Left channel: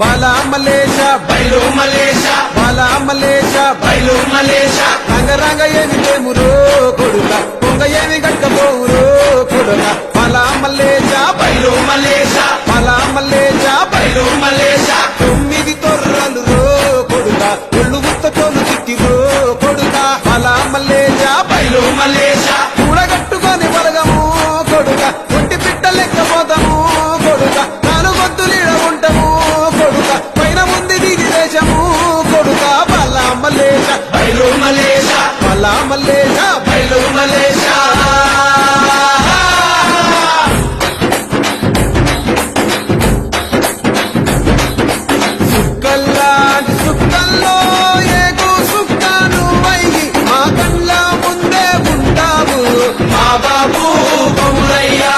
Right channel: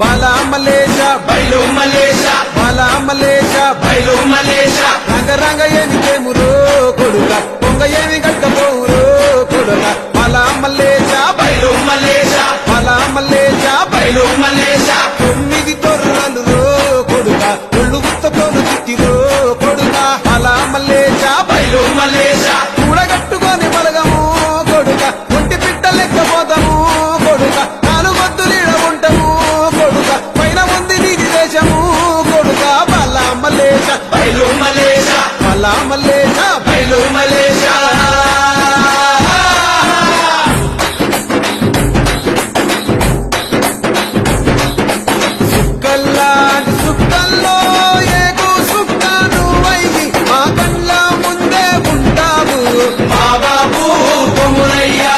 బాలా మలేషా బయలు మలేషా బాలా మలేషా బయలు మలేషా. రంగ రంగ ఏమి తేమురో కొడుక పొంగ ఏమి గట్టపోవురో కొడుక. బాలా మలేషా బయలు మలేషా బాలా మలేషా బయలు మలేషా. తొమ్మిది తొర్రలు రో కొడుక ఒళ్ళు గుత్తతోలు తిట్టిరో కొడుక. బాలా మలేషా బయలు మలేషా. కూడగట్టుకొని బలగము కొడుక ఒంటి పిట్ట లెక్కపోతాము కొడుక. దేశము కొడుక బలా మల్లేశ బయలు మలేష బలా మల్లేశ బయలు మలేష సుక్కల్లాంటి సుక్కల్లో ఏగు సుక్కను నువ్వయ్యి మా కళ్ళ ముందే ఉంటావు. మా బాబు కొమురయ్యా.